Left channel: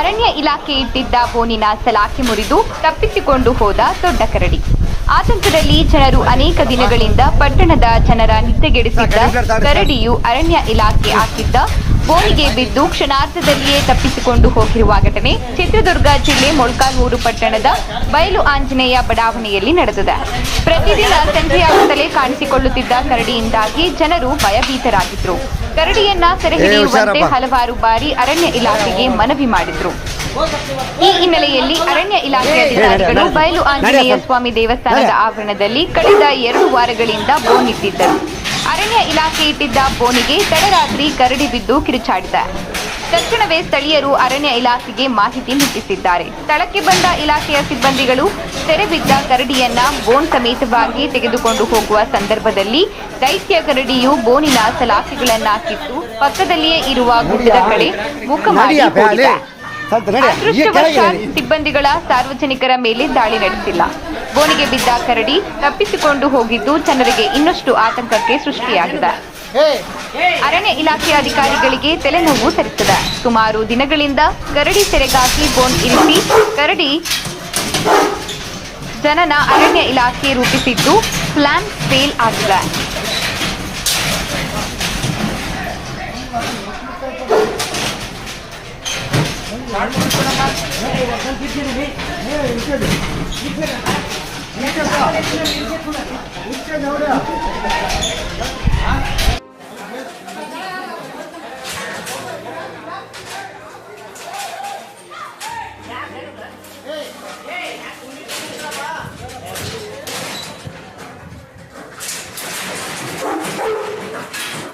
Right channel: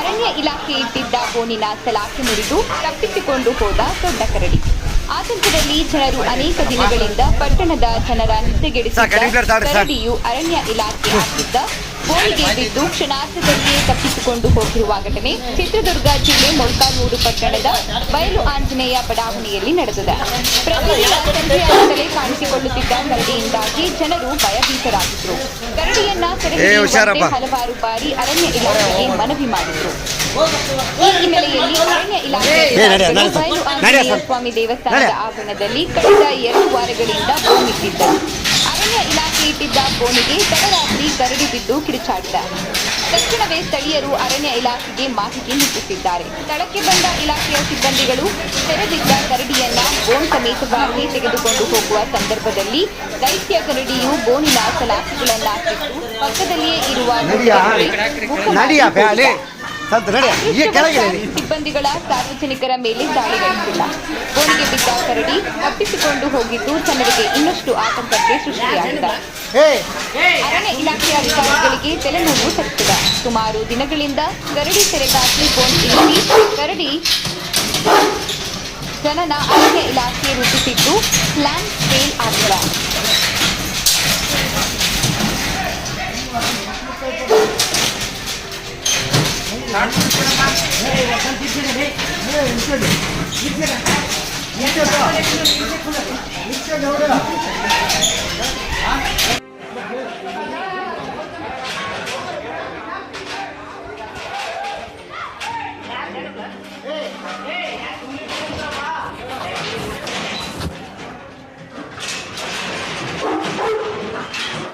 ಅರಣ್ಯ ಇಲಾಖೆ ಇಟ್ಟಿದ್ದ ಬೋನಿನ ಸಲಾಕೆ ಮುರಿದು ತಪ್ಪಿಸಿಕೊಂಡು ಹೋದ ದೊಡ್ಡ ಕರಡಿ. ಆತಂಕದಲ್ಲಿ ಜನರು ಅನೇಕ ದಿನಗಳಿಂದ ಪಟ್ಟಣದ ಜನರ ನಿದ್ದೆಗೆಡಿಸಿದ್ದ ಕರಡಿಯು ಅರಣ್ಯ ಇಲಾಖೆ ಹಾಕಿದ್ದ ಬೋನಿಗೆ ಬಿದ್ದು ಕ್ಷಣಾರ್ಧದಲ್ಲಿಯೇ ತಪ್ಪಿಸಿಕೊಂಡು ಹೋಗಿರುವ ಘಟನೆ ಚಿತ್ರದುರ್ಗ ಜಿಲ್ಲೆ ಮೊಳಕಾಲ್ಮೂರು ಪಟ್ಟಣದ ಬಯಲು ಆಂಜನೇಯ ಬಡಾವಣೆಯಲ್ಲಿ ನಡೆದಿದೆ. ಪ್ರತಿದಿನ ಸಂಜೆಯಾಗುತ್ತಲೇ ಕಾಣಿಸಿಕೊಳ್ಳುತ್ತಿದ್ದ ಕರಡಿಯಿಂದಾಗಿ ಜನರು ಭಯಭೀತರಾಗಿದ್ರು. ಕರಡಿಯನ್ನ ಸೆರೆ ಏ, ಹಿಡಿಯುವಂತೆ ಹಲವಾರು ಬಾರಿ ಅರಣ್ಯ ಇಲಾಖೆಗೆ ಮನವಿ ಮಾಡಿದ್ರು. ಈ ಹಿನ್ನೆಲೆಯಲ್ಲಿ ಅರಣ್ಯ ಇಲಾಖೆ ಬಯಲು ಆಂಜನೇಯ ಸ್ವಾಮಿ ದೇವಸ್ಥಾನದ ಆವರಣದಲ್ಲಿ ಕಳೆದ ಎರಡು ವಾರಗಳಿಂದ ಬೋನ್ ಇಟ್ಟಿದ್ದರು ಅರಣ್ಯ ಇಲಾಖೆ ಇಟ್ಟಿದ್ದ ಬೋನಿಗೆ ತಡರಾತ್ರಿ ಕರಡಿ ಬಿದ್ದು ಕಿರಿಚಾಡಿದ. ತಕ್ಷಣವೇ ಸ್ಥಳೀಯರು ಅರಣ್ಯ ಇಲಾಖೆಗೆ ಮಾಹಿತಿ ಮುಟ್ಟಿಸಿದ್ದಾರೆ ಸ್ಥಳಕ್ಕೆ ಬಂದ ಇಲಾಖೆಯ ಸಿಬ್ಬಂದಿಗಳು ತೆರೆಬಿದ್ದ ಕರಡಿಯನ್ನ ಬೋನ್ ಸಮೇತವಾಗಿ ತೆಗೆದುಕೊಂಡು ಹೋಗುವ ಸಂದರ್ಭದಲ್ಲಿ ದೈತ್ಯ ಕರಡಿಯು ಬೋನಿನ ಸಲಾಕೆಗಳನ್ನ ಕಿತ್ತು ಪಕ್ಕದಲ್ಲಿಯೇ ಇರುವ ಗುಡ್ಡದ ಕಡೆ ಮುಖ ಮಾಡಿ ಅದೃಷ್ಟವಶಾತ್ ಸಿಬ್ಬಂದಿಗಳ ಸಾರ್ವಜನಿಕರ ಮೇಲೆ ದಾಳಿ ನಡೆಸಿಲ್ಲ. ಬೋನಿಗೆ ಬಿದ್ದ ಕರಡಿ ತಪ್ಪಿಸಿಕೊಂಡು ಹೋಗಿದ್ದು ಜನರಿಗೆ ಇನ್ನಷ್ಟು ಆತಂಕಕ್ಕೆ ಸೃಷ್ಟಿಯಾಗಿದೆ. ಅರಣ್ಯ ಇಲಾಖೆ ಅಧಿಕಾರಿಗಳಿಗೆ ತಲೆನೋವು ತರಿಸಿದೆ. ಸುಮಾರು ದಿನಗಳಿಂದ ಕರಡಿ ಸೆರೆಗಾಗಿ ಬೋನ್ ಇರಿಸಿ ಕರಡಿ ಜನನ ಅರಣ್ಯ ಇಲಾಖೆ ರೂಪಿಸಿದ್ದು ಪ್ಲಾನ್ ಫೇಲ್ ಆಗಿದೆ. ఇక్కడ